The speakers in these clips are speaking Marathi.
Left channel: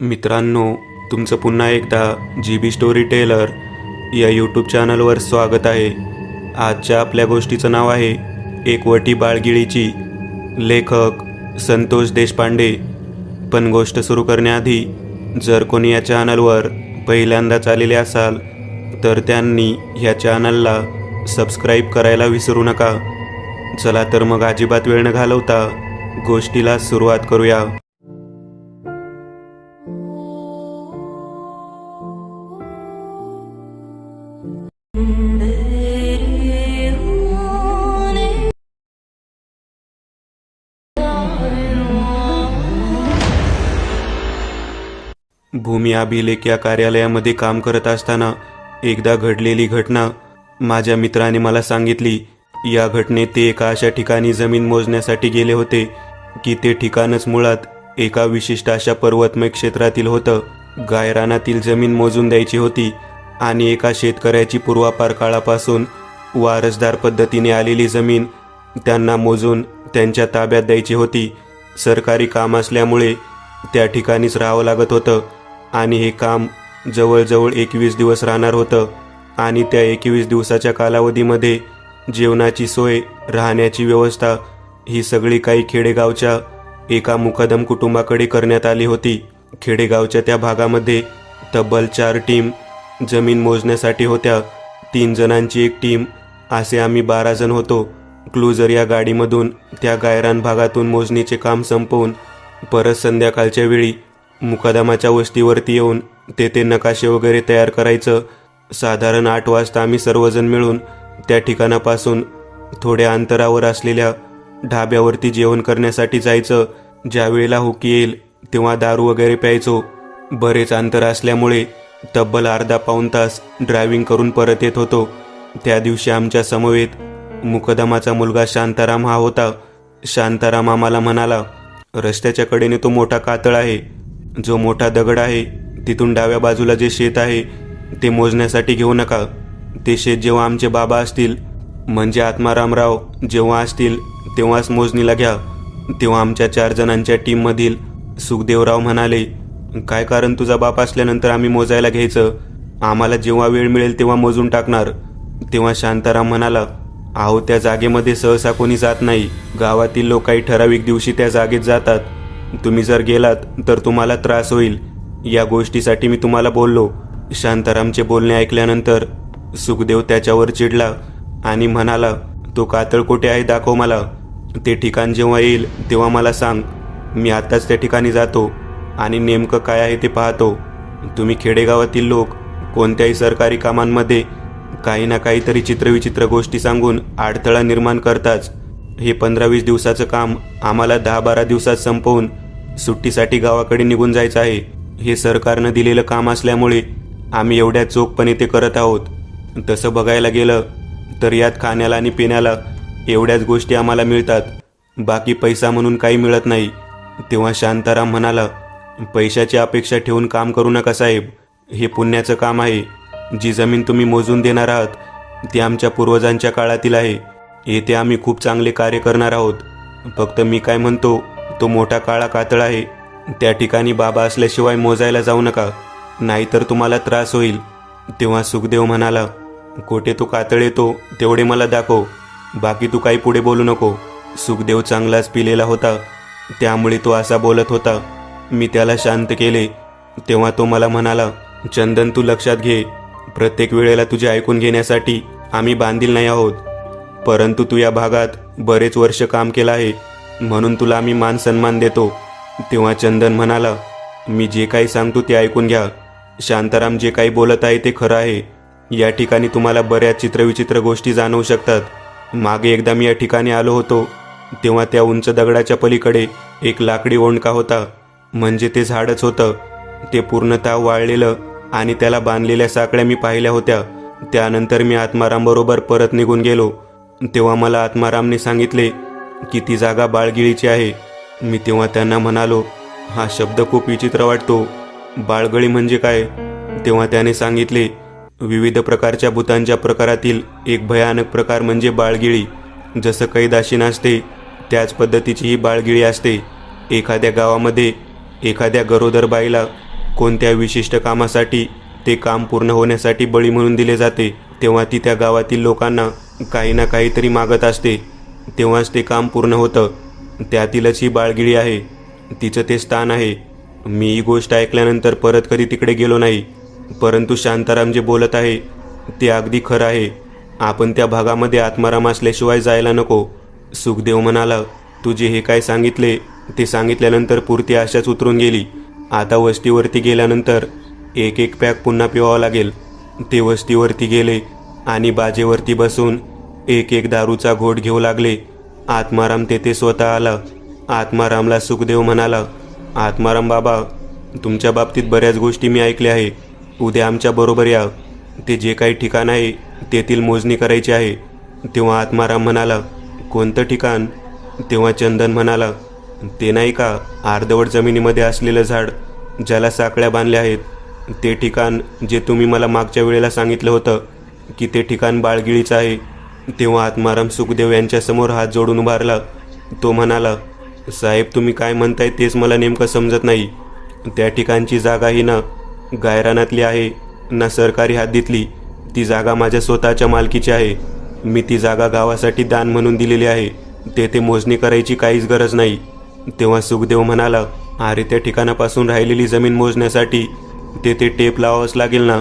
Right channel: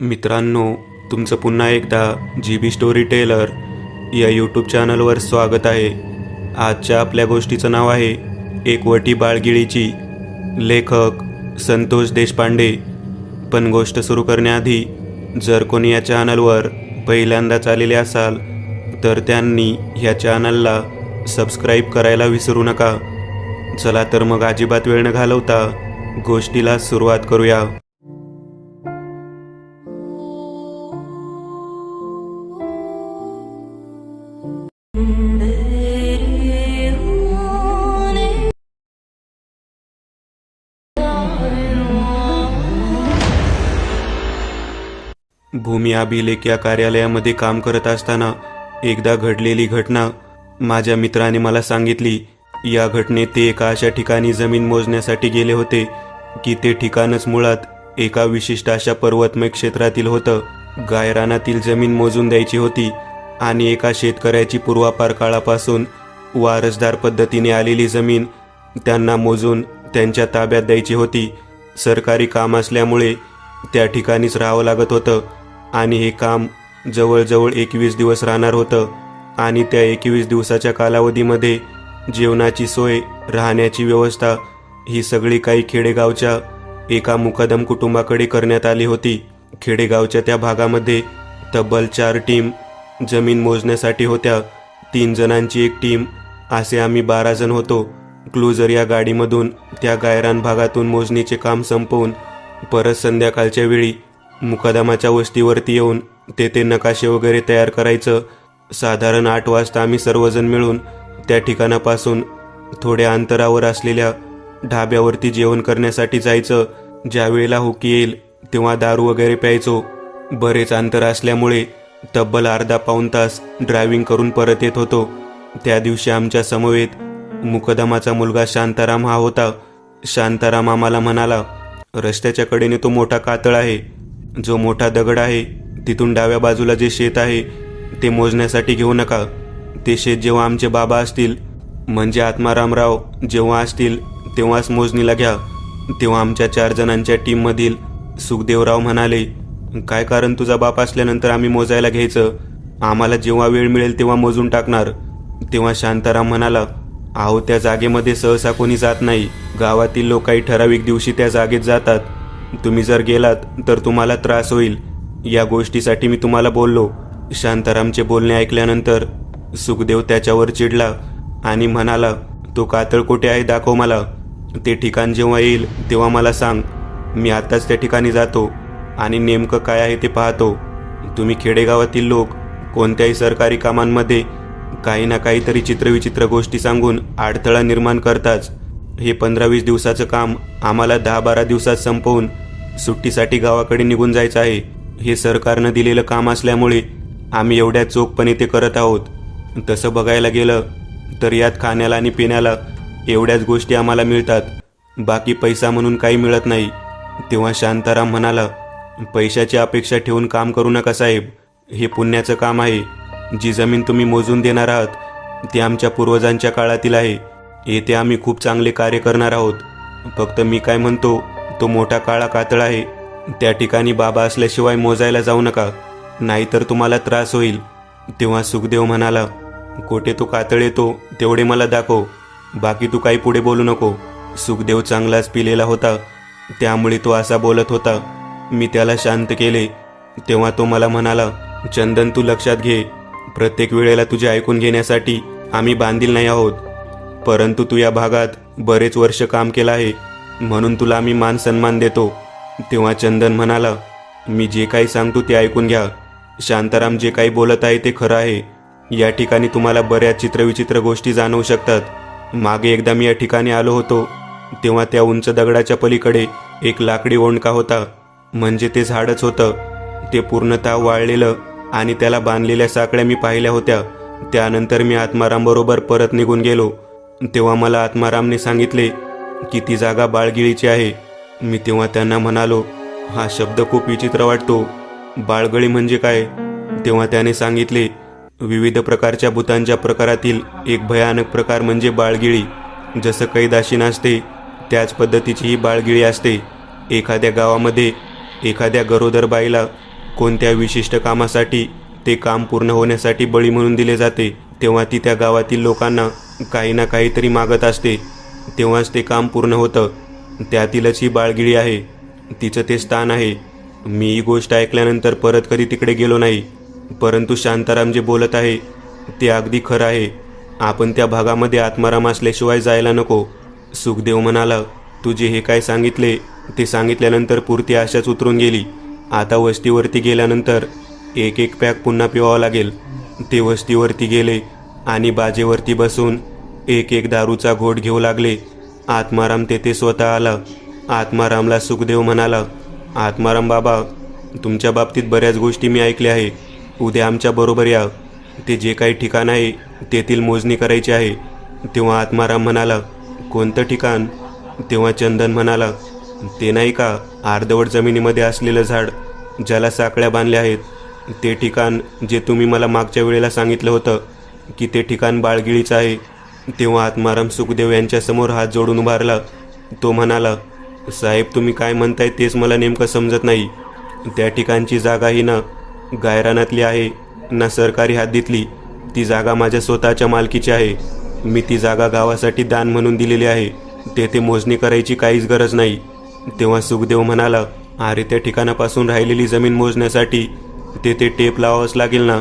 मित्रांनो, तुमचं पुन्हा एकदा GB स्टोरी टेलर या यूट्यूब चॅनलवर स्वागत आहे. आजच्या आपल्या गोष्टीचं नाव आहे एक वटी बाळगिळीची. लेखक संतोष देशपांडे. पण गोष्ट सुरू करण्याआधी जर कोणी या चॅनलवर पहिल्यांदाच आलेले असाल तर त्यांनी ह्या चॅनलला सबस्क्राईब करायला विसरू नका. चला तर मग अजिबात वेळ न घालवता गोष्टीला सुरुवात करूया. भूमी अभिलेख या कार्यालयामध्ये काम करत असताना एकदा घडलेली घटना माझ्या मित्राने मला सांगितली. या घटनेत ते एका अशा ठिकाणी जमीन मोजण्यासाठी गेले होते की ते ठिकाणच मुळात एका विशिष्ट अशा पर्वतमय क्षेत्रातील होतं. गायरानातील जमीन मोजून द्यायची होती आणि एका शेतकऱ्याची पूर्वापार काळापासून वारसदार पद्धतीने आलेली जमीन त्यांना मोजून त्यांच्या ताब्यात द्यायची होती. सरकारी काम असल्यामुळे त्या ठिकाणीच राहावं लागत होतं आणि हे काम जवळजवळ 21 दिवस राहणार होतं. आणि त्या 21 दिवसाच्या कालावधीमध्ये जेवणाची सोय, राहण्याची व्यवस्था ही सगळी काही खेडेगावच्या एका मुकादम कुटुंबाकडे करण्यात आली होती. खेडेगावच्या त्या भागामध्ये तब्बल 4 टीम जमीन मोजण्यासाठी होत्या. 3 जणांची एक टीम, असे आम्ही 12 जण होतो. क्लुझर या गाडीमधून त्या गायरान भागातून मोजणीचे काम संपवून परत संध्याकाळच्या वेळी मुकादमाच्या वस्तीवरती येऊन तेथे नकाशे वगैरे तयार करायचं. साधारण 8 वाजता आम्ही सर्वजण मिळून त्या ठिकाणापासून थोड्या अंतरावर असलेल्या ढाब्यावरती जेवण करण्यासाठी जायचं. ज्या वेळेला हुकी येईल तेव्हा दारू वगैरे प्यायचो. बरेच अंतर असल्यामुळे तब्बल अर्धा-पाऊण तास ड्रायव्हिंग करून परत येत होतो. त्या दिवशी आमच्या समवेत मुकदमाचा मुलगा शांताराम हा होता. शांताराम आम्हाला म्हणाला, रस्त्याच्या कडेने तो मोठा कातळ आहे, जो मोठा दगड आहे तिथून डाव्या बाजूला जे शेत आहे ते मोजण्यासाठी घेऊ नका. ते शेत जेव्हा आमचे बाबा असतील म्हणजे आत्मारामराव जेव्हा असतील तेव्हाच मोजणीला घ्या. तेव्हा आमच्या 4 जणांच्या टीममधील सुखदेवराव म्हणाले, काय कारण तुझा बाप असल्यानंतर आम्ही मोजायला घ्यायचं? आम्हाला जेव्हा वेळ मिळेल तेव्हा मोजून टाकणार. तेव्हा शांताराम म्हणाला, अहो त्या जागेमध्ये सहसा कोणी जात नाही. गावातील लोक काही ठराविक दिवशी त्या जागेत जातात. तुम्ही जर गेलात तर तुम्हाला त्रास होईल. या गोष्टीसाठी मी तुम्हाला बोललो. शांतारामचे बोलणे ऐकल्यानंतर सुखदेव त्याच्यावर चिडला आणि म्हणाला, तो कातळ कुठे आहे दाखव मला. ते ठिकाण जेव्हा येईल तेव्हा मला सांग. मी आताच त्या ठिकाणी जातो आणि नेमकं काय आहे ते पाहतो. तुम्ही खेडेगावातील लोक कोणत्याही सरकारी कामांमध्ये काही ना काहीतरी चित्रविचित्र गोष्टी सांगून अडथळा निर्माण करताच. हे 15-20 दिवसाचं काम आम्हाला 10-12 दिवसात संपवून सुट्टीसाठी गावाकडे निघून जायचं आहे. हे सरकारनं दिलेलं काम असल्यामुळे आम्ही एवढ्या चोखपणे ते करत आहोत. तसं बघायला गेलं तर यात खाण्याला आणि पिण्याला एवढ्याच गोष्टी आम्हाला मिळतात. बाकी पैसा म्हणून काही मिळत नाही. तेव्हा शांताराम म्हणाला, पैशाची अपेक्षा ठेवून काम करू नका साहेब. हे पुण्याचं काम आहे. जी जमीन तुम्ही मोजून देणार आहात ती आमच्या पूर्वजांच्या काळातील आहे. येथे आम्ही खूप चांगले कार्य करणार आहोत. फक्त मी काय म्हणतो, तो मोठा काळा कातळ आहे त्या ठिकाणी बाबा असल्याशिवाय मोजायला जाऊ नका, नाहीतर तुम्हाला त्रास होईल. तेव्हा सुखदेव म्हणाला, कोठे तो कातळ येतो तेवढे मला दाखव. बाकी तू काही पुढे बोलू नको. सुखदेव चांगलाच पिलेला होता, त्यामुळे तो असा बोलत होता. मी त्याला शांत केले. तेव्हा तो मला म्हणाला, चंदन तू लक्षात घे, प्रत्येक वेळेला तुझे ऐकून घेण्यासाठी आम्ही बांधील नाही आहोत. परंतु तू या भागात बरेच वर्ष काम केलं आहे म्हणून तुला आम्ही मान सन्मान देतो. तेव्हा चंदन म्हणाला, मी जे काही सांगतो ते ऐकून घ्या. शांताराम जे काही बोलत आहे ते खरं आहे. या ठिकाणी तुम्हाला बऱ्याच चित्रविचित्र गोष्टी जाणवू शकतात. मागे एकदा मी या ठिकाणी आलो होतो तेव्हा त्या उंच दगडाच्या पलीकडे एक लाकडी ओंडका होता. म्हणजे ते झाडच होतं. ते पूर्णतः वाळलेलं आणि त्याला बांधलेल्या साकळ्या मी पाहिल्या होत्या. त्यानंतर मी आत्मारामबरोबर परत निघून गेलो. तेव्हा मला आत्मारामने सांगितले की ती जागा बाळगिळीची आहे. मी तेव्हा त्यांना म्हणालो, हा शब्द खूप विचित्र वाटतो. बाळगळी म्हणजे काय? तेव्हा त्याने सांगितले, विविध प्रकारच्या भूतांच्या प्रकारातील एक भयानक प्रकार म्हणजे बाळगिळी. जसं कैदाशी नसते त्याच पद्धतीची ही बाळगिळी असते. एखाद्या गावामध्ये एखाद्या गरोदर बाईला कोणत्या विशिष्ट कामासाठी ते काम पूर्ण होण्यासाठी बळी म्हणून दिले जाते, तेव्हा ती त्या गावातील लोकांना काही ना काहीतरी मागत असते, तेव्हाच ते काम पूर्ण होतं. त्यातीलच ही बाळगिळी आहे, तिचं ते स्थान आहे. मी ही गोष्ट ऐकल्यानंतर परत कधी तिकडे गेलो नाही, परंतु शांताराम जे बोलत आहे ते अगदी खरं आहे. आपण त्या भागामध्ये आत्माराम असल्याशिवाय जायला नको. सुखदेव म्हणाला, तू जे हे काय सांगितले ते सांगितल्यानंतर पुरती आशाच उतरून गेली. आता वस्तीवरती गेल्यानंतर एक एक पॅक पुन्हा पिवावं लागेल. ते वस्तीवरती गेले आणि बाजेवरती बसून एक एक दारूचा घोट घेऊ लागले. आत्माराम तेथे स्वतः आला. आत्मारामला सुखदेव म्हणाला, आत्माराम बाबा, तुमच्या बाबतीत बऱ्याच गोष्टी मी ऐकल्या आहे. उद्या आमच्या बरोबर या. ते जे काही ठिकाण आहे तेथील मोजणी करायची आहे. तेव्हा आत्माराम म्हणाला, कोणतं ठिकाण? तेव्हा चंदन म्हणाला, ते नाही का अर्धवट जमिनीमध्ये असलेलं झाड ज्याला साखळ्या बांधल्या आहेत, ते ठिकाण जे तुम्ही मला मागच्या वेळेला सांगितलं होतं की ते ठिकाण बाळगिळीचं आहे. तेव्हा आत्माराम सुखदेव यांच्यासमोर हात जोडून उभारला. तो म्हणाला, साहेब, तुम्ही काय म्हणताय तेच मला नेमकं समजत नाही. त्या ठिकाणची जागा ही ना गायरानातली आहे ना सरकारी हद्दीतली. ती जागा माझ्या स्वतःच्या मालकीची आहे. मी ती जागा गावासाठी दान म्हणून दिलेली आहे. तेथे मोजणी करायची काहीच गरज नाही. तेव्हा सुखदेव म्हणाला, अरे, त्या ठिकाणापासून राहिलेली जमीन मोजण्यासाठी तेथे टेप लावावंच लागेल ना.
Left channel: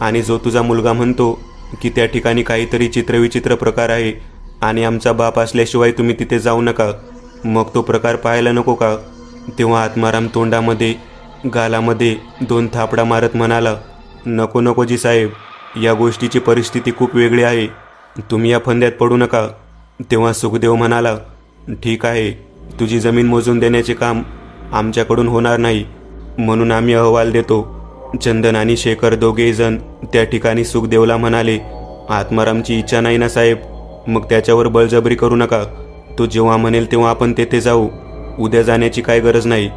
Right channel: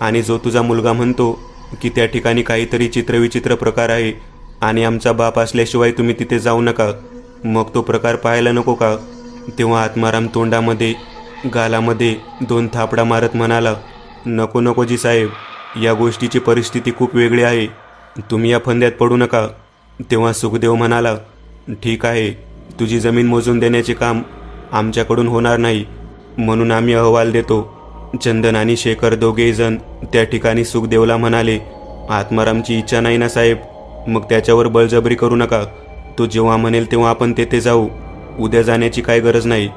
आणि जो तुझा मुलगा म्हणतो की त्या ठिकाणी काहीतरी चित्रविचित्र प्रकार आहे आणि आमचा बाप असल्याशिवाय तुम्ही तिथे जाऊ नका, मग तो प्रकार पाहायला नको का? तेव्हा आत्माराम तोंडामध्ये गालामध्ये 2 थापडा मारत म्हणाला, नको नको जी साहेब, या गोष्टीची परिस्थिती खूप वेगळी आहे. तुम्ही या फंद्यात पडू नका. तेव्हा सुखदेव म्हणाला, ठीक आहे, तुझी जमीन मोजून देण्याचे काम आमच्याकडून होणार नाही, म्हणून आम्ही अहवाल देतो. चंदन आणि शेखर दोघेही जण त्या ठिकाणी सुखदेवला म्हणाले, आत्मारामची इच्छा नाही ना साहेब, मग त्याच्यावर बळजबरी करू नका. तो जेव्हा म्हणेल तेव्हा आपण तेथे जाऊ. उद्या जाण्याची काय गरज नाही.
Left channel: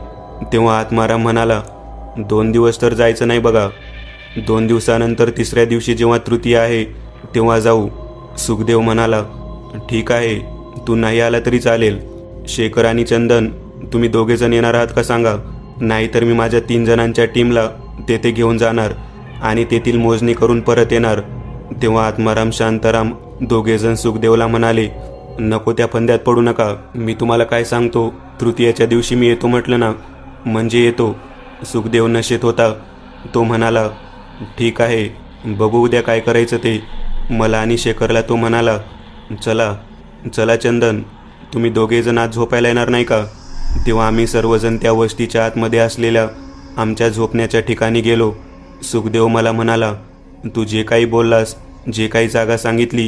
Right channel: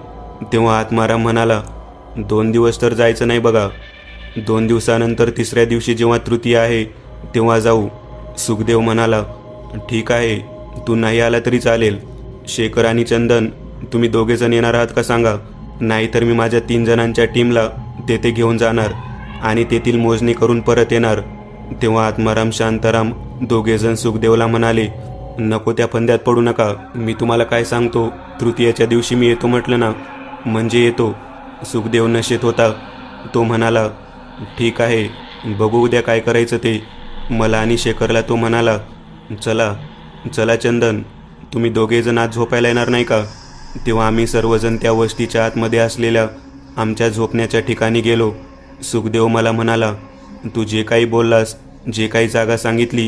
तेव्हा आत्माराम म्हणाला, 2 दिवस तर जायचं नाही बघा. 2 दिवसानंतर तिसऱ्या दिवशी जेव्हा तृतीय आहे तेव्हा जाऊ. सुखदेव म्हणाला, ठीक आहे, तू नाही आला तरी चालेल. शेखर आणि चंदन, तुम्ही दोघेजण येणार आहात का सांगा, नाहीतर मी माझ्या 3 जणांच्या टीमला तेथे घेऊन जाणार आणि तेथील मोजणी करून परत येणार. तेव्हा आत्माराम शांताराम दोघेजण सुखदेवला म्हणाले, नको त्या फंद्यात पडू नका. मी तुम्हाला काय सांगतो, तृतीयाच्या दिवशी मी येतो म्हटलं ना, म्हणजे येतो. सुखदेव नशेत होता. तो म्हणाला, ठीक आहे, बघू उद्या काय करायचं ते. मला आणि शेखरला तो म्हणाला, चला चला चंदन, तुम्ही दोघेजण आज झोपायला येणार नाही का? तेव्हा आम्ही सर्वजण त्या वस्तीच्या आतमध्ये असलेल्या आमच्या झोपण्याच्या ठिकाणी गेलो. सुखदेव मला म्हणाला, तू जे काही बोललास, जे काही जागा सांगितली,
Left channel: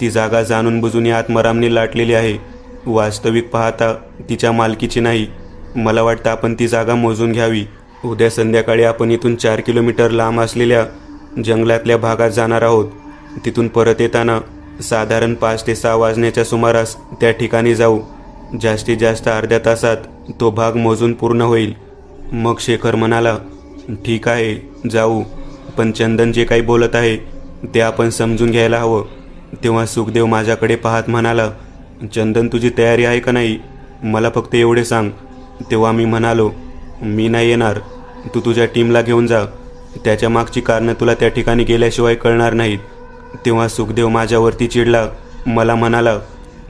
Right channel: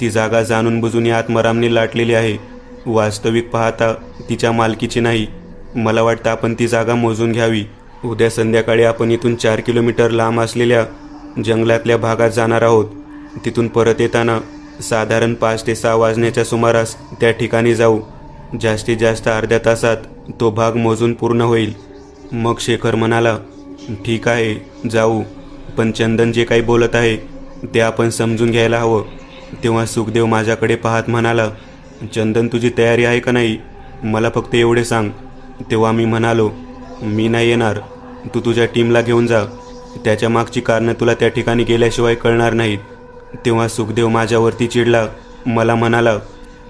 ती जागा जाणून बुजून या आत्मारामने लाटलेली आहे. वास्तविक पाहता तिच्या मालकीची नाही. मला वाटतं आपण ती जागा मोजून घ्यावी. उद्या संध्याकाळी आपण इथून 4 किलोमीटर लांब असलेल्या जंगलातल्या भागात जाणार आहोत. तिथून परत येताना साधारण 5 ते 6 वाजण्याच्या सुमारास त्या ठिकाणी जाऊ. जास्तीत जास्त अर्ध्या तासात तो भाग मोजून पूर्ण होईल. मग शेखर म्हणाला, ठीक आहे, जाऊ, पण चंदन जे काही बोलत आहे ते आपण समजून घ्यायला हवं. तेव्हा सुखदेव माझ्याकडे पाहत म्हणाला, चंदन, तुझी तयारी आहे का नाही? मला फक्त एवढे सांग. तेव्हा मी म्हणालो, मी नाही येणार, तू तुझ्या टीमला घेऊन जा. त्याच्या मागची कारणं तुला त्या ठिकाणी गेल्याशिवाय कळणार नाहीत. तेव्हा सुखदेव माझ्यावरती चिडला. मला म्हणाला,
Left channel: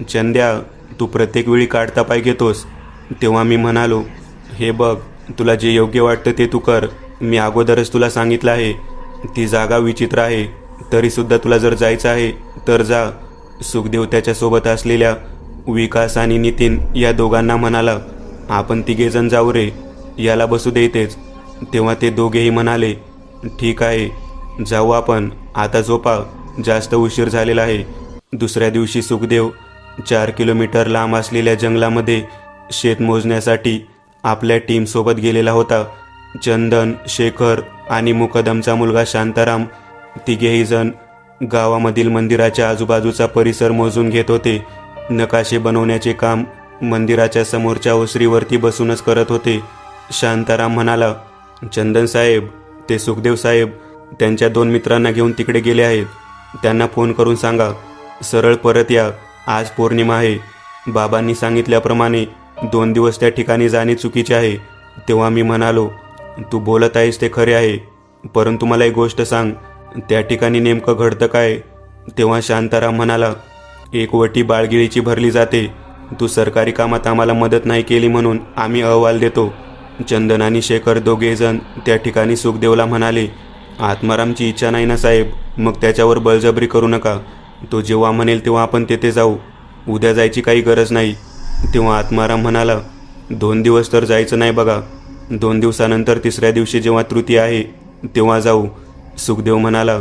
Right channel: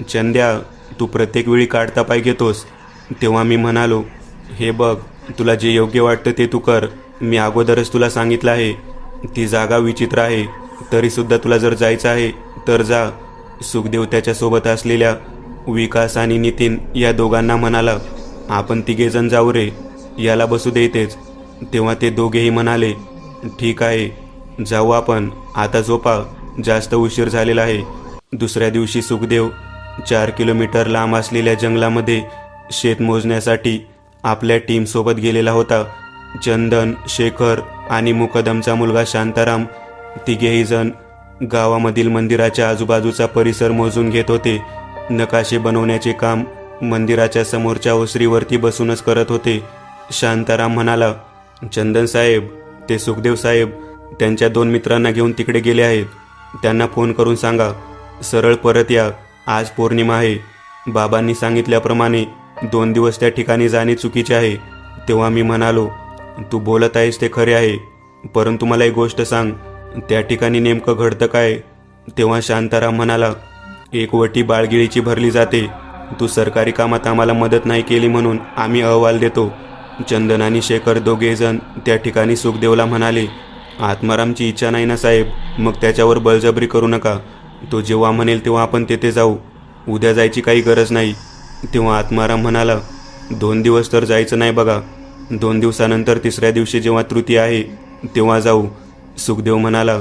चंद्या, तू प्रत्येक वेळी काढता पाय घेतोस. तेव्हा मी म्हणालो, हे बघ, तुला जे योग्य वाटतं ते तू कर. मी अगोदरच तुला सांगितलं आहे, ती जागा विचित्र आहे, तरीसुद्धा तुला जर जायचं आहे तर जा. सुखदेव त्याच्यासोबत असलेल्या विकास आणि नितीन या दोघांना म्हणाला, आपण तिघेजण जाऊ रे, याला बसू दे इथेच. तेव्हा ते दोघेही म्हणाले, ठीक आहे, जाऊ आपण. आता झोपा, जास्त उशीर झालेला आहे. दुसऱ्या दिवशी सुखदेव 4 किलोमीटर लांब असलेल्या जंगलामध्ये शेत मोजण्यासाठी आपल्या टीमसोबत गेलेला होता. चंदन, शेखर आणि मुकदमचा मुलगा शांताराम तिघेही जण गावामधील मंदिराच्या आजूबाजूचा परिसर मोजून घेत होते. नकाशे बनवण्याचे काम मंदिराच्या समोरच्या ओसरीवरती बसूनच करत होते. शांताराम म्हणाला, चंदन साहेब, ते सुखदेव साहेब त्यांच्या 2 मित्रांना घेऊन तिकडे गेले आहेत. त्यांना फोन करून सांगा, सरळ परत या. आज पौर्णिमा आहे. बाबांनी सांगितल्याप्रमाणे 2 दिवस त्या ठिकाणी जाणे चुकीचे आहे. तेव्हा मी म्हणालो, तू बोलत आहेस ते खरे आहे, परंतु मला एक गोष्ट सांग, त्या ठिकाणी नेमकं घडतं काय? तेव्हा शांताराम म्हणाला, एक वटी बाळगिळीची भरली जाते. तू सरकारी कामात आम्हाला मदत नाही केली म्हणून आम्ही अहवाल देतो. चंदन आणि शेखर दोघेजण त्या ठिकाणी सुखदेवला म्हणाले, आत्मारामची इच्छा नाही ना साहेब, मग त्याच्यावर बळजबरी करू नका. तो जेव्हा म्हणेल तेव्हा आपण तेथे जाऊ. उद्या जायची काही गरज नाही. तेव्हा आत्माराम म्हणाला, 2 दिवस तर जायचं नाही बघा. 2 दिवसानंतर तिसऱ्या दिवशी जेव्हा तृतीया आहे तेव्हा जाऊ. सुखदेव म्हणाला,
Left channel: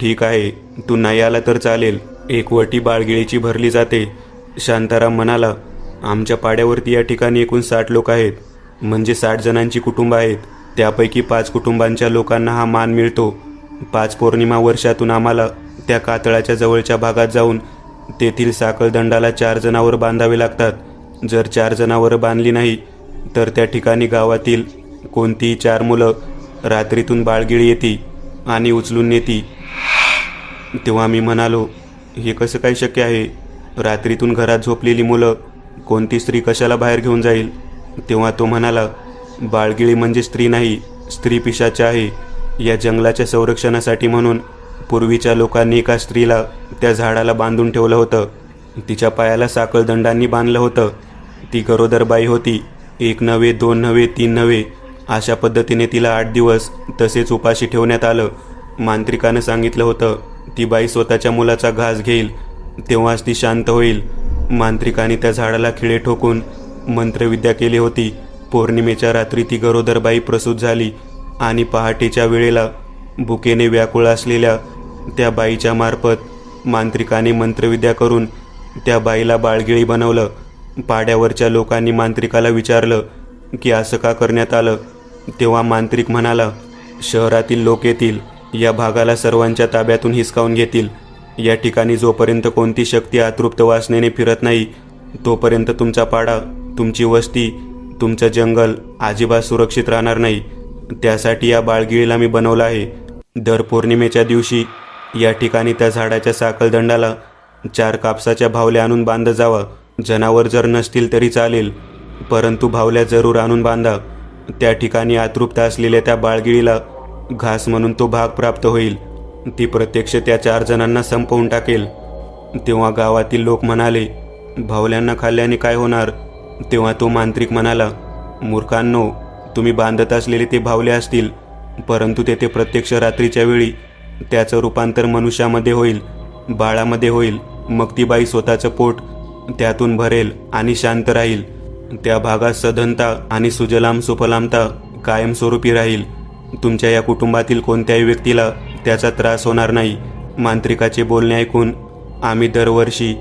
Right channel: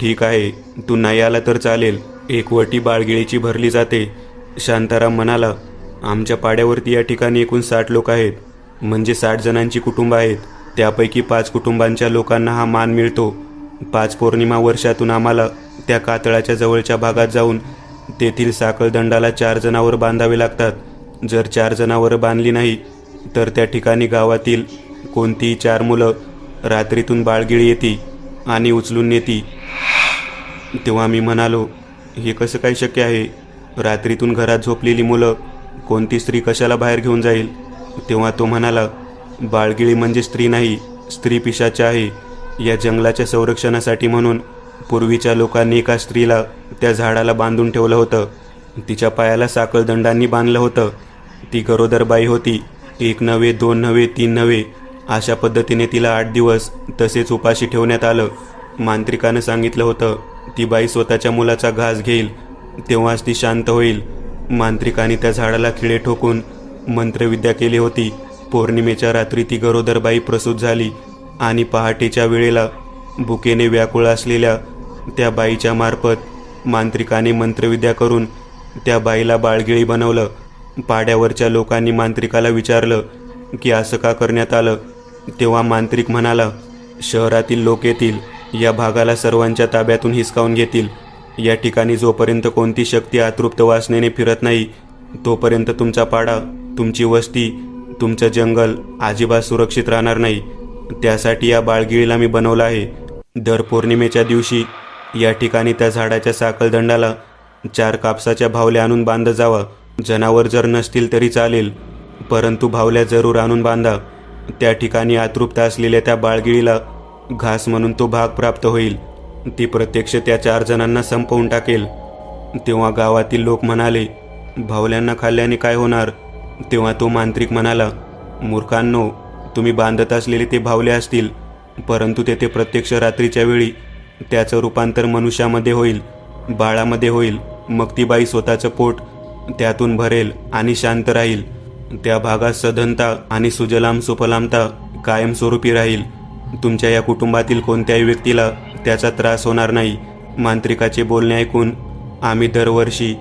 ठीक आहे, तू नाही आला तर चालेल. एक वटी बाळगिळीची भरली जाते. शांताराम म्हणाला, आमच्या पाड्यावरती या ठिकाणी एकूण 60 लोक आहेत, म्हणजे 60 जणांची कुटुंब आहेत. त्यापैकी 5 कुटुंबांच्या लोकांना हा मान मिळतो. 5 पौर्णिमा वर्षातून आम्हाला त्या कातळाच्या जवळच्या भागात जाऊन तेथील साखळदंडाला 4 जनावर बांधावे लागतात. जर 4 जनावर बांधली नाही तर त्या ठिकाणी गावातील कोणतीही 4 मुलं रात्रीतून बाळगिळी येते आणि उचलून नेती. तेव्हा मी म्हणालो, हे कसं काय शक्य आहे? रात्रीतून घरात झोपलेली मुलं कोणती स्त्री कशाला बाहेर घेऊन जाईल? तेव्हा तो म्हणाला, बाळगिळी म्हणजे स्त्री नाही, स्त्री पिशाच आहे. या जंगलाच्या संरक्षणासाठी म्हणून पूर्वीच्या लोकांनी एका स्त्रीला त्या झाडाला बांधून ठेवलं होतं. तिच्या पायाला साखळदंडांनी बांधलं होतं. ती गरोदरबाई होती. 1 नव्हे, 2 नव्हे, 3 नव्हे, अशा पद्धतीने तिला 8 दिवस तसेच उपाशी ठेवण्यात आलं. मांत्रिकानं सांगितलं होतं, ती बाई स्वतःच्या मुलाचा घास घेईल तेव्हाच ती शांत होईल. मांत्रिकाने त्या झाडाला खिळे ठोकून मंत्रविद्या केली होती. पौर्णिमेच्या रात्री ती गरोदरबाई प्रसूत झाली आणि पहाटेच्या वेळेला भुकेने व्याकुळ असलेल्या त्या बाईच्या मार्फत मांत्रिकाने मंत्रविद्या करून त्या बाईला बाळगिळी बनवलं. पाड्यावरच्या लोकांनी मांत्रिकाला विचारलं की असं का करण्यात आलं? तेव्हा मांत्रिक म्हणाला, शहरातील लोक येतील, या भागाला सर्वांच्या ताब्यातून हिसकावून घेतील. या ठिकाणी जोपर्यंत कोणती शक्ती अतृप्त वासनेने फिरत नाही तोपर्यंत तुमचा पाडा, तुमची वस्ती, तुमचं जंगल अजिबात सुरक्षित राहणार नाही. त्यासाठी या बाळगिळीला मी बनवलं आहे. दर पौर्णिमेच्या दिवशी या ठिकाणी त्या झाडाच्या साखळदंडाला 4 कापसाच्या भावल्या आणून बांधत जावा. जनावर जर नसतील तरी चालेल, परंतु भावल्या जरूर आणून बांधा. त्या ठिकाणी अतृप्त असलेल्या त्या बाळगिळीला घास म्हणून तो भाग प्राप्त होईल. ती प्रत्यक्ष त्या 4 जणांना संपवून टाकेल. तेव्हा गावातील लोक म्हणाले, भावल्यांना खाल्ल्याने काय होणार? तेव्हा तो मांत्रिक म्हणाला, मूर्खांनो, तुम्ही बांधत असलेले ते भावले असतील, परंतु तेथे प्रत्यक्ष रात्रीच्या वेळी त्याचं रूपांतर मनुष्यामध्ये होईल, बाळामध्ये होईल. मग ती बाई स्वतःचं पोट त्यातून भरेल आणि शांत राहील. त्या भागात सधनता आणि सुजलाम सुफलामता कायमस्वरूपी राहील. तुमच्या या कुटुंबातील कोणत्याही व्यक्तीला त्याचा त्रास होणार नाही. मांत्रिकाचे बोलणे ऐकून आम्ही दरवर्षी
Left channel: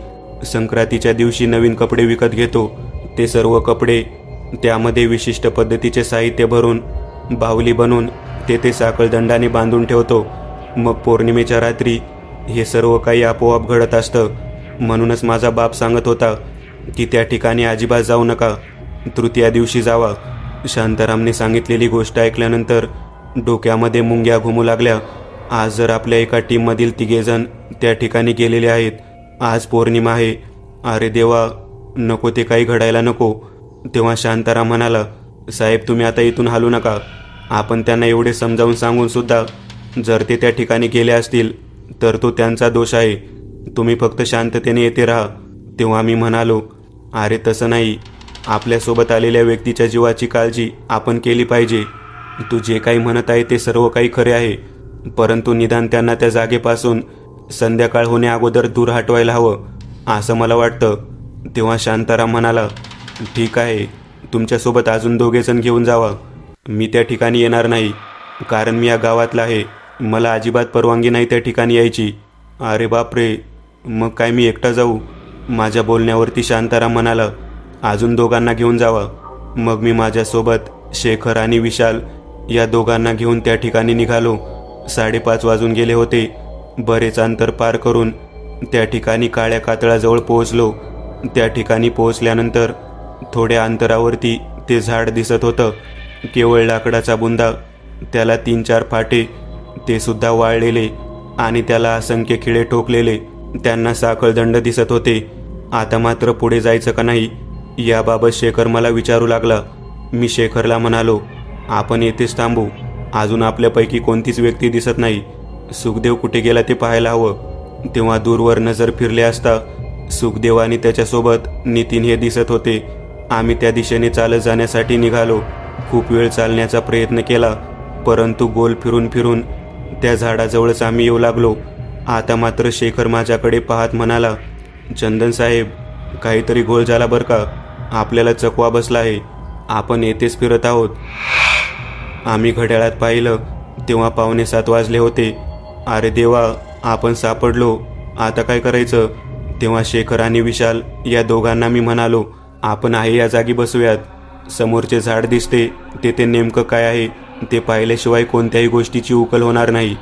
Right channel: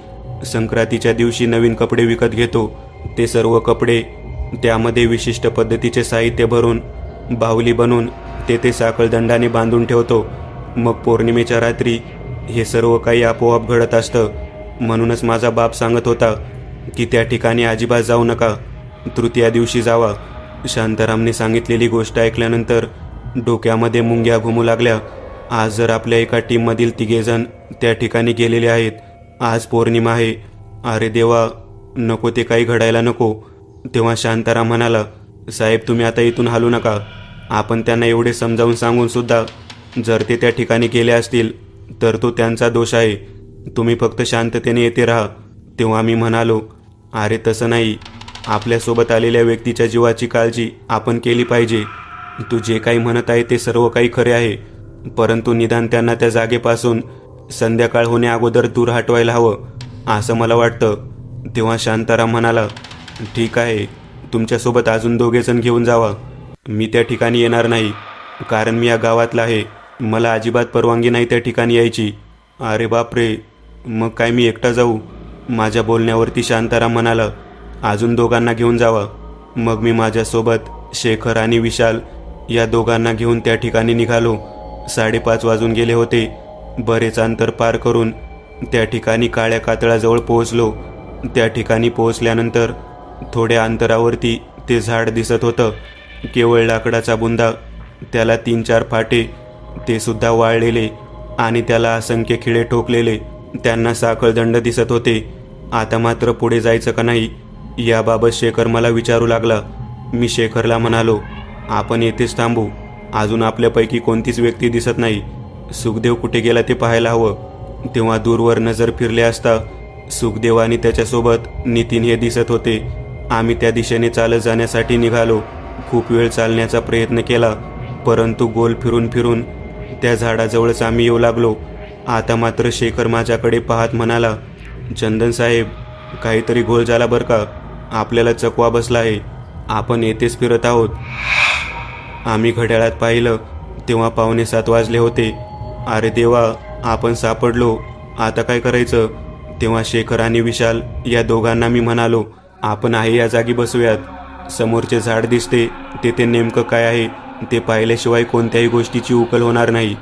संक्रांतीच्या दिवशी नवीन कपडे विकत घेतो. ते सर्व कपडे त्यामध्ये विशिष्ट पद्धतीचे साहित्य भरून बाहुली बनवून तेथे साखळदंडाने बांधून ठेवतो. मग पौर्णिमेच्या रात्री हे सर्व काही आपोआप घडत असतं. म्हणूनच माझा बाप सांगत होता की त्या ठिकाणी अजिबात जाऊ नका, तृतीया दिवशी जावा. शांतारामने सांगितलेली गोष्ट ऐकल्यानंतर डोक्यामध्ये मुंग्या घुमू लागल्या. आज जर आपल्या एका टीममधील 3 जण त्या ठिकाणी गेलेले आहेत. आज पौर्णिमा आहे. अरे देवा, नको ते काही घडायला नको. तेव्हा शांताराम म्हणाला, साहेब तुम्ही आता इथून हलू नका. आपण त्यांना एवढे समजावून सांगून सुद्धा जर ते त्या ठिकाणी गेले असतील तर तो त्यांचा दोष आहे. तुम्ही फक्त शांततेने येथे राहा. तेव्हा मी म्हणालो, अरे तसं नाही, आपल्यासोबत आलेल्या व्यक्तीच्या जीवाची काळजी आपण केली पाहिजे. तू जे काही म्हणत आहे ते सर्व काही खरे आहे, परंतु निदान त्यांना त्या जागेपासून संध्याकाळ होण्या अगोदर दूर हटवायला हवं असं मला वाटतं. तेव्हा शांताराम म्हणाला, ठीक आहे, तुमच्यासोबत अजून 2 जण घेऊन जावा. मी त्या ठिकाणी येणार नाही, कारण मी या गावातला आहे. मला अजिबात परवानगी नाही त्या ठिकाणी यायची. अरे बापरे, मग काय मी एकटा जाऊ? माझ्या बोलण्यावरती शांताराम म्हणाला, अजून 2 घेऊन जावा. मग मी माझ्यासोबत शेखर आणि विशाल या 2 घेऊन त्या ठिकाणी निघालो. 5:30 वाजून गेले होते. बरेच अंतर पार करून त्या ठिकाणी काळ्या कातळाजवळ पोहोचलो. त्या ठिकाणी पोहोचल्यानंतर थोड्या अंतरावरती ते झाड दिसत होतं. केवळ लाकडाचा बुंदा, त्याला 3-4 फाटे, ते सुद्धा वाळलेले आणि त्याला असंख्य खिळे ठोकलेले. त्यांना साखळदंड दिसत होते. आता मात्र पुढे जायचं का नाही याबाबत शेखर मला विचारू लागला. मी शेखरला म्हणालो, आपण येथेच थांबू. अजून आपल्यापैकी कोणतीच व्यक्ती दिसत नाही. सुखदेव कुठे गेला ते पाहायला हवं. तेव्हा दूरवर नजर फिरले असता सुखदेव आणि त्याच्यासोबत नितीन हे दिसत होते. आम्ही त्या दिशेने चालत जाण्यासाठी निघालो. खूप वेळ चालण्याचा प्रयत्न केला, परंतु गोल फिरून फिरून त्या झाडाजवळच आम्ही येऊ लागलो. आता मात्र शेखर माझ्याकडे पाहत म्हणाला, चंदन साहेब, काहीतरी घोळ झाला बरं का. आपल्याला चकवा बसला आहे. आपण येथेच फिरत आहोत. आम्ही घड्याळात पाहिलं तेव्हा 6:45 वाजले होते. अरे देवा, आपण सापडलो. आता काय करायचं? तेव्हा शेखर आणि विशाल या दोघांना मी म्हणालो, आपण आहे या जागी बसूयात. समोरचे झाड दिसते, तेथे नेमकं काय आहे ते पाहिल्याशिवाय कोणत्याही गोष्टीची उकल होणार नाही.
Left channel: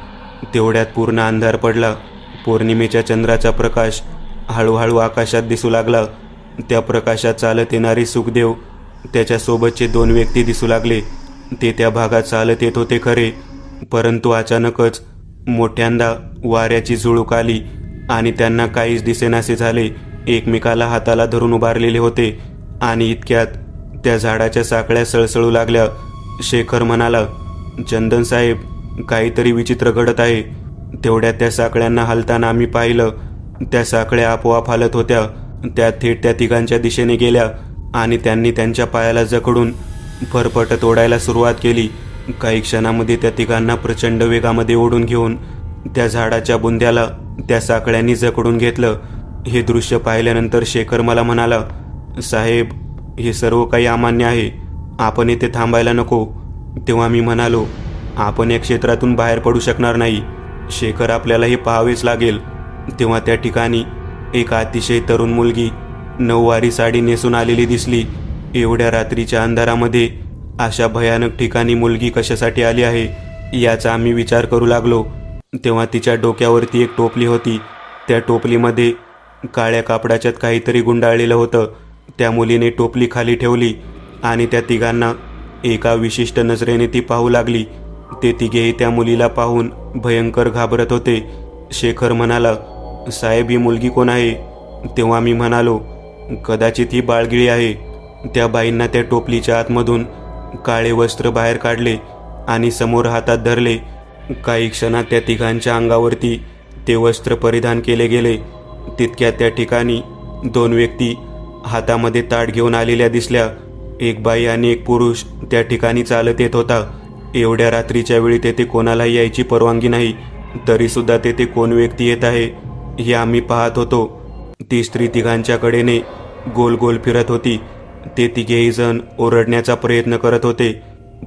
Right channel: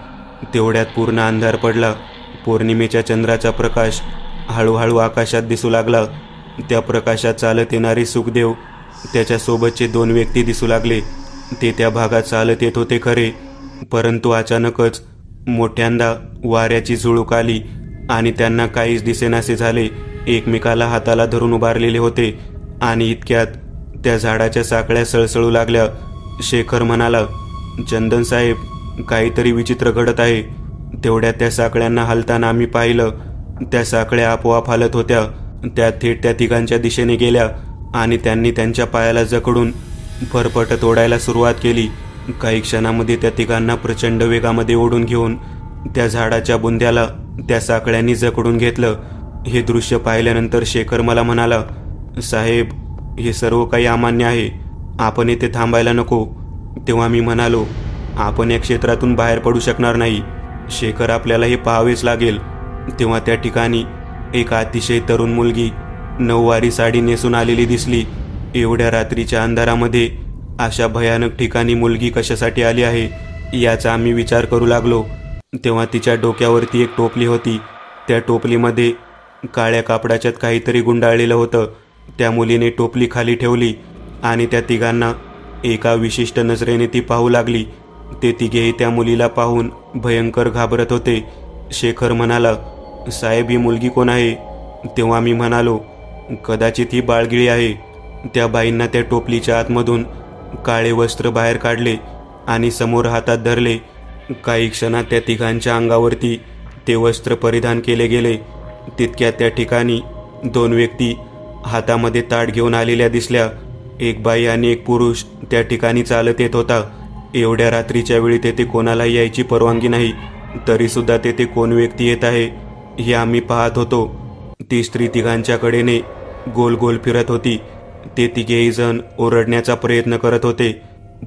तेवढ्यात पूर्ण अंधार पडला. पौर्णिमेच्या चंद्राचा प्रकाश हळूहळू आकाशात दिसू लागला. त्या प्रकाशात चालत येणारे सुखदेव, त्याच्यासोबतचे 2 व्यक्ती दिसू लागले. ते त्या भागात चालत येत होते खरे, परंतु अचानकच मोठ्यांदा वाऱ्याची झुळूक आली आणि त्यांना काहीच दिसेनासे झाले. एकमेकाला हाताला धरून उभारलेले होते आणि इतक्यात त्या झाडाच्या साकळ्या सळसळू लागल्या. शेखर म्हणाला, चंदन साहेब, काहीतरी विचित्र घडत आहे. तेवढ्या त्या साकळ्यांना हलताना आम्ही पाहिलं. त्या साकळ्या आपोआप हलत होत्या. त्या थेट त्या तिघांच्या दिशेने गेल्या आणि त्यांनी त्यांच्या पायाला जखडून फरफट तोडायला सुरुवात केली. काही क्षणामध्ये त्या तिघांना प्रचंड वेगामध्ये ओढून घेऊन त्या झाडाच्या बुंद्याला त्या साकळ्यांनी जखडून घेतलं. हे दृश्य पाहिल्यानंतर शेखर मला म्हणाला, साहेब, हे सर्व काही अमान्य आहे. आपण इथे थांबायला नको. तेव्हा मी म्हणालो, आपण या क्षेत्रातून बाहेर पडू शकणार नाही. शेखर, आपल्याला हे पाहावेच लागेल. तेव्हा त्या ठिकाणी एक अतिशय तरुण मुलगी नऊवारी साडी नेसून आलेली दिसली. एवढ्या रात्रीच्या अंधारामध्ये अशा भयानक ठिकाणी मुलगी कशासाठी आली आहे याचा आम्ही विचार करू लागलो. तेव्हा तिच्या डोक्यावरती एक टोपली होती. त्या टोपलीमध्ये काळ्या कापडाच्यात काहीतरी गुंडाळलेलं होतं. त्या मुलीने टोपली खाली ठेवली आणि त्या तिघांना एका विशिष्ट नजरेने ती पाहू लागली. ते तिघेही त्या मुलीला पाहून भयंकर घाबरत होते. शेखर म्हणाला, साहेब, ही मुलगी कोण आहे? तेव्हा मी म्हणालो, कदाचित ही बाळगिळी आहे. त्या बाईंना त्या टोपलीच्या आतमधून काळे वस्त्र बाहेर काढले आणि समोर हातात धरले. काही क्षणात त्या तिघांच्या अंगावरती ते वस्त्र परिधान केले गेले. तितक्यात त्या ठिकाणी 2 व्यक्ती हातामध्ये ताट घेऊन आलेल्या दिसल्या. एक बाई आणि एक पुरुष त्या ठिकाणी चालत येत होता. एवढ्या रात्रीच्या वेळी तेथे कोणालाही यायची परवानगी नाही, तरी सुद्धा तेथे कोण व्यक्ती येत आहे हे आम्ही पाहत होतो. ती स्त्री तिघांच्या कडेने गोल गोल फिरत होती. ते तिघेही जण ओरडण्याचा प्रयत्न करत होते,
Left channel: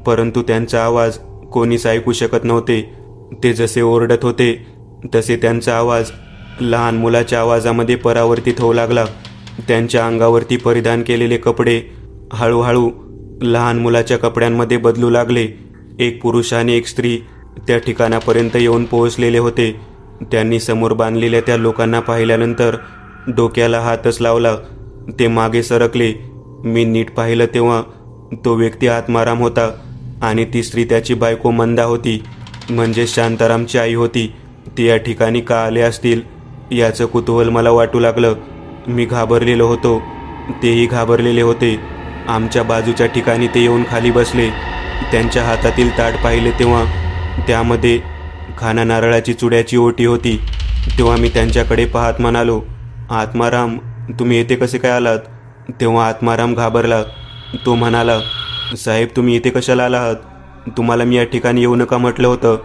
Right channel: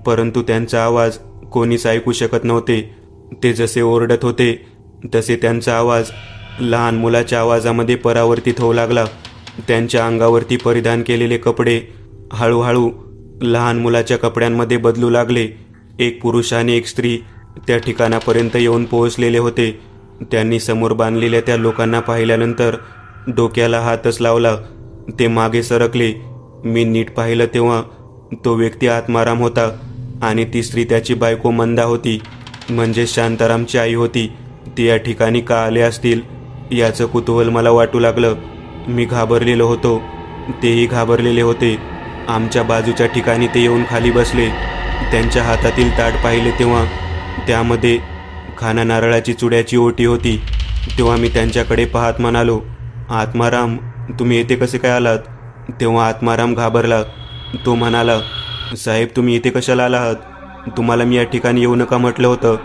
परंतु त्यांचा आवाज कोणीच ऐकू शकत नव्हते. ते जसे ओरडत होते तसे त्यांचा आवाज लहान मुलाच्या आवाजामध्ये परावर्तित होऊ लागला. त्यांच्या अंगावरती परिधान केलेले कपडे हळूहळू लहान मुलाच्या कपड्यांमध्ये बदलू लागले. एक पुरुष आणि एक स्त्री त्या ठिकाणापर्यंत येऊन पोहोचलेले होते. त्यांनी समोर बांधलेल्या त्या लोकांना पाहिल्यानंतर डोक्याला हातच लावला. ते मागे सरकले. मी नीट पाहिलं तेव्हा तो व्यक्ती आत्माराम होता आणि ती स्त्री त्याची बायको मंदा होती, म्हणजे शांतारामची आई होती. ती या ठिकाणी का आले असतील याचं कुतूहल मला वाटू लागलं. मी घाबरलेलो होतो, तेही घाबरलेले होते. आमच्या बाजूच्या ठिकाणी ते येऊन खाली बसले. त्यांच्या हातातील ताट पाहिले तेव्हा त्यामध्ये खाना नारळाची चुड्याची ओटी होती. तेव्हा मी त्यांच्याकडे पाहत म्हणालो, आत्माराम, तुम्ही येथे कसे काय आलात? तेव्हा आत्माराम घाबरला. तो म्हणाला, साहेब, तुम्ही इथे कशाला आलात? तुम्हाला मी या ठिकाणी येऊ नका म्हटलं होतं.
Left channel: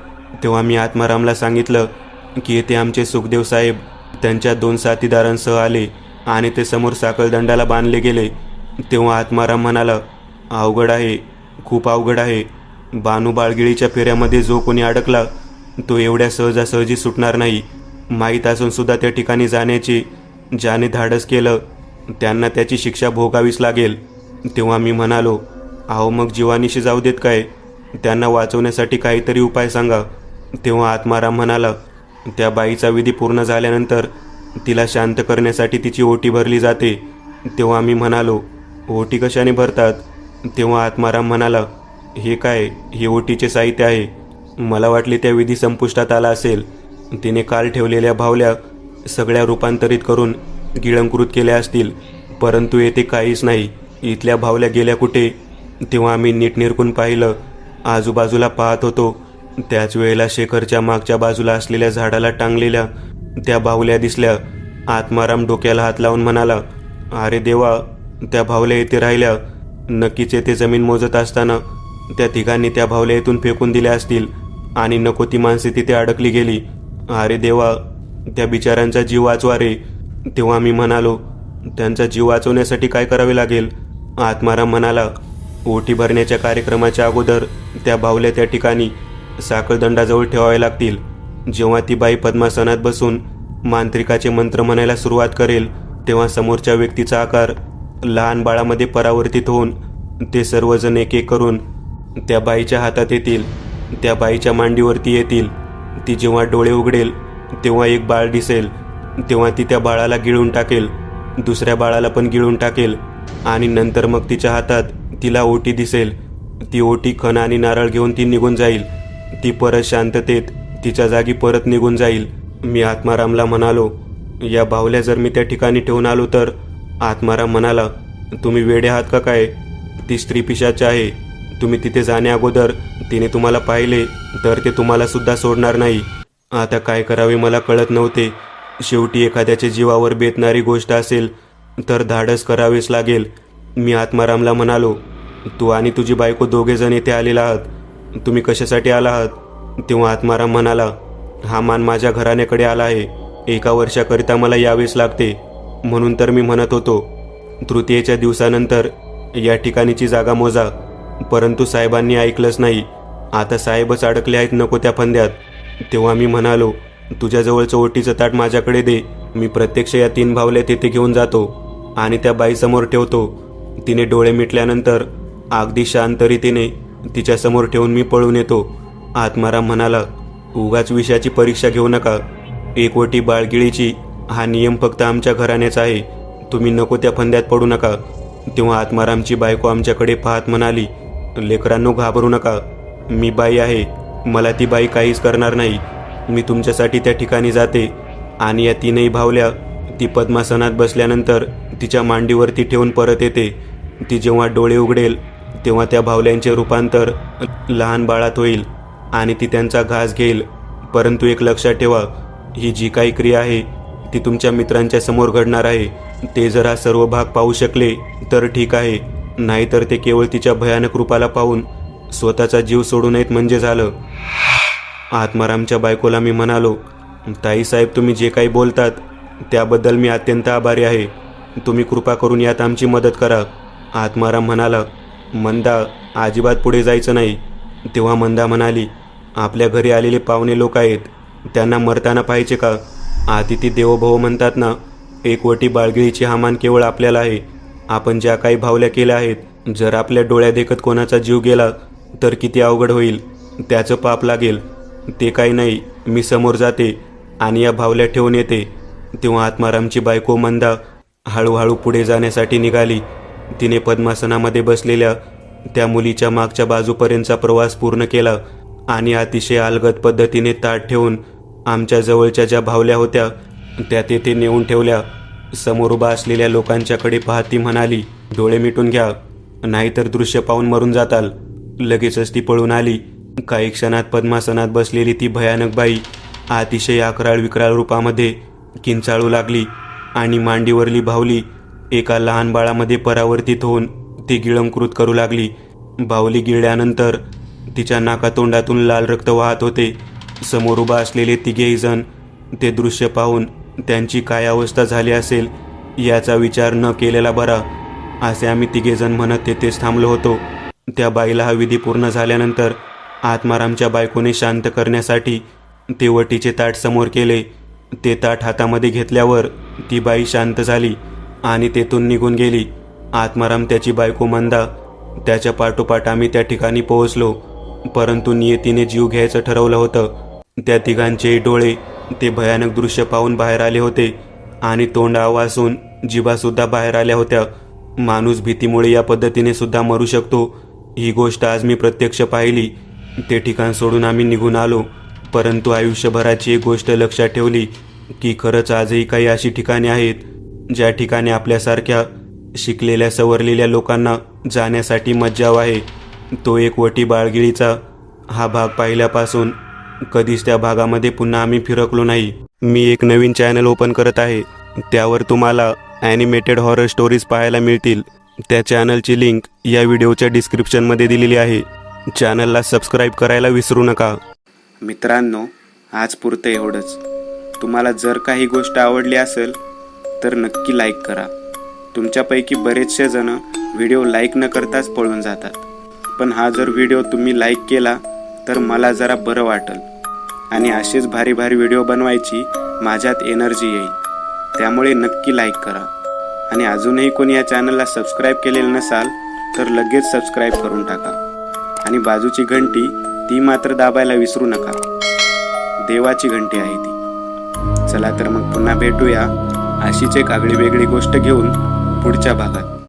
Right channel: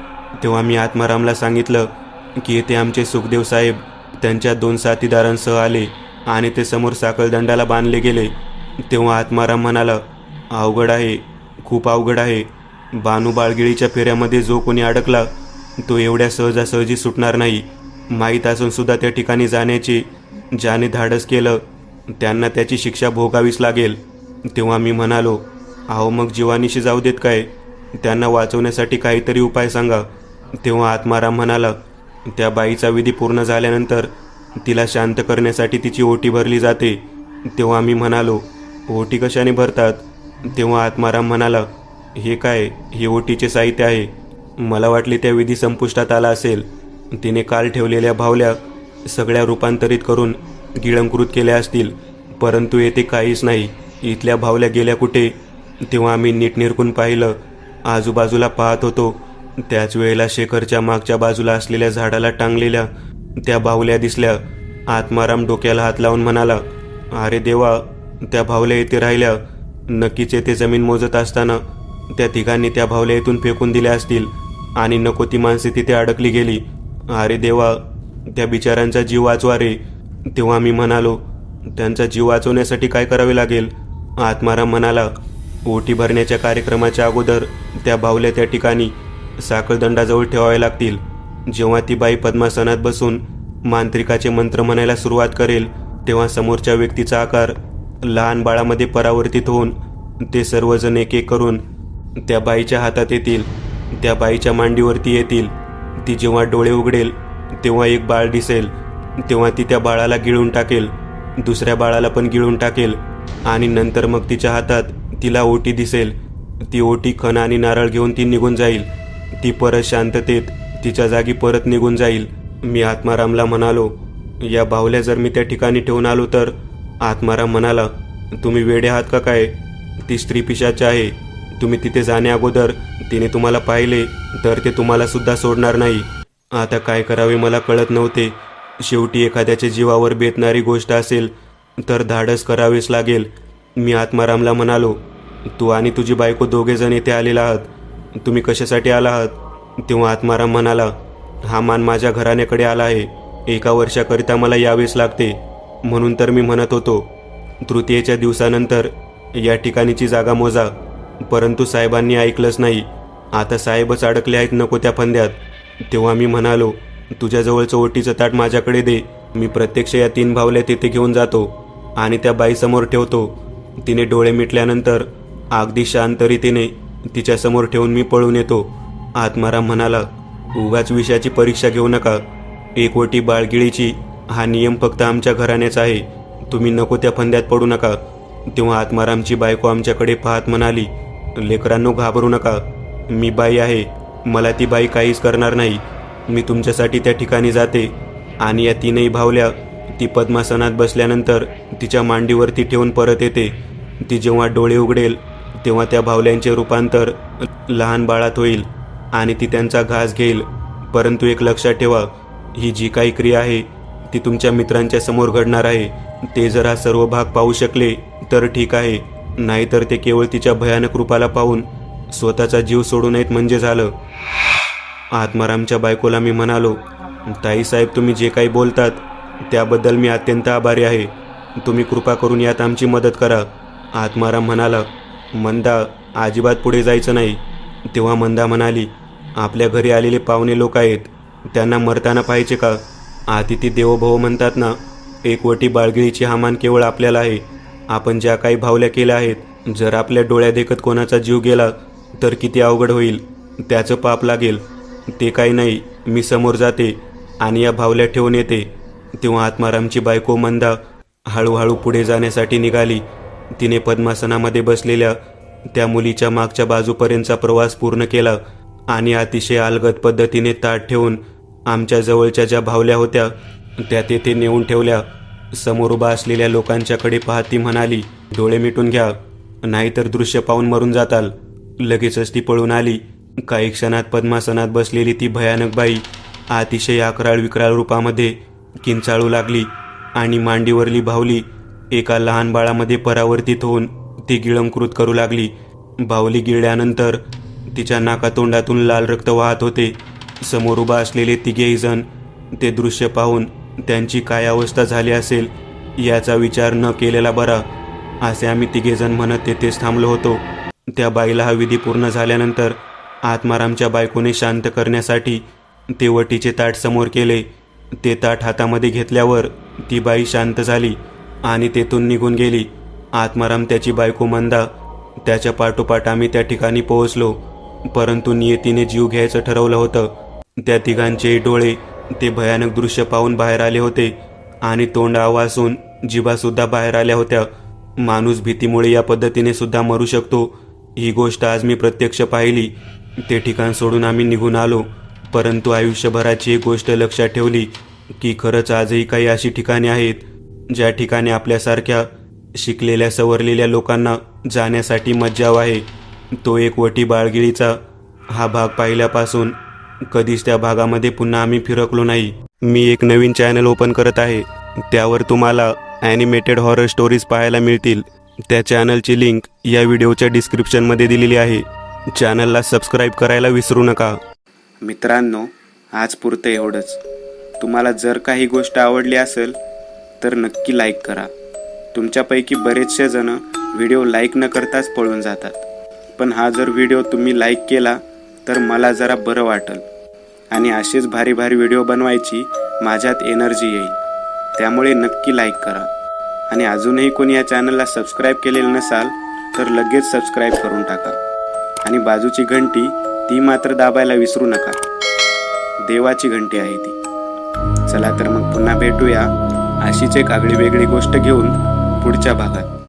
तेव्हा मी आत्मारामला सांगितलं की येथे आमचे सुखदेव साहेब त्यांच्या 2 साथीदारांसह आले आणि ते समोर साखळदंडाला बांधले गेले. तेव्हा आत्माराम म्हणाला, अवघड आहे, खूप अवघड आहे. बानू बाळगिळीच्या फेऱ्यामध्ये जो कोणी अडकला तो एवढ्या सहजासहजी सुटणार नाही. माहीत असून सुद्धा त्या ठिकाणी जाण्याचे ज्याने धाडस केलं त्यांना त्याची शिक्षा भोगावीच लागेल. तेव्हा मी म्हणालो, अहो, मग जीवानीशी जाऊ देत काय? त्यांना वाचवण्यासाठी काहीतरी उपाय सांगा. तेव्हा आत्माराम म्हणाला, त्या बाईचा विधी पूर्ण झाल्यानंतर तिला शांत करण्यासाठी तिची ओटी भरली जाते. तेव्हा मी म्हणालो, ओटी कशाने भरतात? तेव्हा आत्माराम म्हणाला, हे काय, हे ओटीचे साहित्य आहे. मला वाटले त्या विधी संपुष्टात आला असेल. तिने काल ठेवलेल्या भावल्या सगळ्या रूपांतरित करून गिळंकृत केल्या असतील, परंतु येथे काहीच नाही. इथल्या भावल्या गेल्या कुठे? तेव्हा आम्ही नीट निरखून पाहिलं आजूबाजूला पाहत होतो. त्याच वेळेला शेखरच्या मागच्या बाजूला असलेल्या झाडाला टांगलेल्या त्या बाहुल्या दिसल्या. आत्माराम डोक्याला हात लावून म्हणाला, अरे देवा, त्या बाहुल्या येथे राहिल्या. नक्कीच येथे जमीन मोजत असताना त्या तिघांनी त्या बाहुल्या इथून फेकून दिल्या असतील आणि नको ती माणसे तिथे अडकली गेली. अरे देवा, त्या बिचाऱ्यांचा जीव वाचवा रे. तेव्हा मी म्हणालो, त्यांचा जीव वाचवण्यासाठी काय करावे लागेल? आत्माराम म्हणाला, ओटी भरण्याच्या कार्यक्रमाच्या अगोदर त्या बाहुल्या त्या ठिकाणी साखळदंडाजवळ ठेवावे लागतील. जेव्हा ती बाई पद्मासनात बसून मांत्रिकाचे मंत्र म्हणायला सुरुवात करेल तेव्हा समोरच्या व्यक्तीचा आकार लहान बाळामध्ये परावर्तित होऊन ते सर्वजण एक एक करून त्या बाईच्या हातात येतील. त्या बाईच्या मांडीवरती येतील. ती जेव्हा डोळे उघडेल तेव्हा एक बाळ दिसेल. तेव्हा ती त्या बाळाला गिळून टाकेल, दुसऱ्या बाळाला पण गिळून टाकेल आणि नंतर मग तिच्या हातात तिला ओटी दिसेल. ती ओटी खण आणि नारळ घेऊन ती निघून जाईल. ती परत शांततेत तिच्या जागी परत निघून जाईल. मी आत्मारामला म्हणालो, या बाहुल्या जर मी त्या ठिकाणी ठेवून आलो तर? आत्माराम म्हणाला, तुम्ही वेडे आहात का काय? ती स्त्री पिशाच आहे. तुम्ही तिथे जाण्या अगोदर तिने तुम्हाला पाहिले तर ते तुम्हाला सुद्धा सोडणार नाही. आता काय करावे मला कळत नव्हते. शेवटी एखाद्याच्या जीवावर बेतणारी गोष्ट असेल तर धाडस करावेच लागेल. मी आत्मारामला म्हणालो, तू आणि तुझी बायको दोघेजण येथे आलेला आहात. तुम्ही कशासाठी आला आहात? तेव्हा आत्माराम म्हणाला, हा मान माझ्या घराण्याकडे आला आहे. 1 वर्षाकरिता मला यावेच लागते. म्हणून तर मी म्हणत होतो, तृतीयेच्या दिवसानंतर या ठिकाणीची जागा मोजा. परंतु साहेबांनी ऐकलंच नाही. आता साहेबच अडकले आहेत नको त्या फंद्यात. तेव्हा मी म्हणालो, तुझ्याजवळचं ओटीचं ताट माझ्याकडे दे. मी प्रत्यक्ष या 3 बाहुल्या तेथे घेऊन जातो आणि त्या बाईसमोर ठेवतो. तिने डोळे मिटल्यानंतर अगदी शांत रीतीने तिच्यासमोर ठेवून मी पळून येतो. आत्माराम म्हणाला, उगाच विषयाची परीक्षा घेऊ नका. 1 ओटी बाळगिळीची हा नियम फक्त आमच्या घराण्याचा आहे. तुम्ही नको त्या फंद्यात पडू नका. तेव्हा आत्मारामची बायको आमच्याकडे पाहत म्हणाली, लेकरांनो घाबरू नका. मी बाई आहे. मला ती बाई काहीच करणार नाही. मी तुमच्यासाठी त्या ठिकाणी जाते आणि या 3ही बाहुल्या ती पद्मासनात बसल्यानंतर तिच्या मांडीवरती ठेवून परत येते. ती जेव्हा डोळे उघडेल तेव्हा त्या बाहुल्यांचे रूपांतर लहान बाळात होईल आणि ती त्यांचा घास घेईल. परंतु एक लक्षात ठेवा, ही जी काही क्रिया आहे ती तुमच्या मित्रांच्या समोर घडणार आहे. ते जर हा सर्व भाग पाहू शकले तर ठीक आहे, नाहीतर ते केवळ तिच्या भयानक रूपाला पाहून स्वतःचा जीव सोडू नयेत म्हणजे झालं. आत्मारामच्या बायकोला मी म्हणालो, ताईसाहेब, तुम्ही जे काही बोलतात त्याबद्दल मी अत्यंत आभारी आहे. तुम्ही कृपा करून यात आमची मदत करा. आत्माराम म्हणाला, मंदा, अजिबात पुढे जायचं नाही. तेव्हा मंदा म्हणाली, आपल्या घरी आलेले पाहुणे लोक आहेत, त्यांना मरताना पाहिजे का? अतिथी देवो भव म्हणतात ना. 1 ओटी बाळगिळीची हा मान केवळ आपल्याला आहे. आपण ज्या काही भावल्या केल्या आहेत, जर आपल्या डोळ्या देखत कोणाचा जीव गेला तर किती अवघड होईल. त्याचं पाप लागेल. ते काही नाही, मी समोर जाते आणि या भावल्या ठेवून येते. तेव्हा आत्मारामची बायको मंदा हळूहळू पुढे जाण्यासाठी निघाली. तिने पद्मासनामध्ये बसलेल्या त्या मुलीच्या मागच्या बाजूपर्यंतचा प्रवास पूर्ण केला आणि अतिशय अलगद पद्धतीने ताट ठेवून आमच्या जवळच्या ज्या भावल्या होत्या त्या तेथे नेऊन ठेवल्या. समोर उभा असलेल्या लोकांच्याकडे पाहत ती म्हणाली, डोळे मिटून घ्या, नाहीतर दृश्य पाहून मरून जाताल. लगेचच ती पळून आली. काही क्षणात पद्मासनात बसलेली ती भयानक बाई अतिशय अकराळ विक्राळ रूपामध्ये किंचाळू लागली आणि मांडीवरली बाहुली एका लहान बाळामध्ये परावर्तित होऊन ती गिळंकृत करू लागली. बाहुली गिळल्यानंतर तिच्या नाकातोंडातून लाल रक्त वाहत होते. समोर उभा असलेले 3घेही जण ते दृश्य पाहून त्यांची काय अवस्था झाली असेल याचा विचार न केलेला बरा, असे आम्ही 3घे जण म्हणत तेथेच थांबलो होतो. त्या बाईला हा विधी पूर्ण झाल्यानंतर आत्मारामच्या बायकोने शांत करण्यासाठी ते वटीचे ताट समोर केले. ते ताट हातामध्ये घेतल्यावर ती बाई शांत झाली आणि तेथून निघून गेली. आत्माराम, त्याची बायको मंदा, त्याच्या पाठोपाठ आम्ही त्या ठिकाणी पोहोचलो. परंतु नियतीने जीव घ्यायचं ठरवलं होतं. त्या तिघांचे डोळे ते भयानक दृश्य पाहून बाहेर आले होते आणि तोंड आवासून जिभासुद्धा बाहेर आल्या होत्या. माणूस भीतीमुळे या पद्धतीने सुद्धा मरू शकतो, ही गोष्ट आज मी प्रत्यक्ष पाहिली. ते ठिकाण सोडून आम्ही निघून आलो. परंतु आयुष्यभराची एक गोष्ट लक्षात ठेवली की खरंच आजही काही अशी ठिकाणे आहेत ज्या ठिकाणी आपल्यासारख्या शिकलेल्या सवरलेल्या लोकांना जाण्यासाठी मज्जाव आहे. तो एक वटी बाळगिळीचा हा भाग पाहिल्यापासून कधीच त्या भागामध्ये पुन्हा आम्ही फिरकलो नाही. मी एक नवीन चॅनल ओपन करत आहे. त्यावर तुम्हाला ॲनिमेटेड हॉरर स्टोरीज पाहायला मिळतील. त्या चॅनलची लिंक या व्हिडिओच्या डिस्क्रिप्शनमध्ये दिलेली आहे. चॅनलला सबस्क्राईब करायला विसरू नका. मित्रांनो, आज पुरतं एवढंच. तुम्हाला जर काही गोष्ट आवडली असेल तर नक्की लाईक करा. तुमच्यापैकी बरेचसे जण व्हिडिओ लाईक न करताच पळून जातात. पण हा जर व्हिडिओ तुम्ही लाईक केला तर मला जरा बरं वाटेल आणि असेच भारी भारी व्हिडिओ बनवायची माझ्यात एनर्जी येईल. त्यामुळे नक्की लाईक करा. आणि अजूनही कोणी या चॅनलला सबस्क्राईब केलेलं नसाल तर लगेच सबस्क्राईब करून टाका. आणि बाजूची घंटी ती मात्र दाबायला विसरू नका. देवाची घंटी आहे ती. चला तर मग पुन्हा भेटूया अशीच एक आगळी वेगळी गोष्ट घेऊन पुढच्या भागात.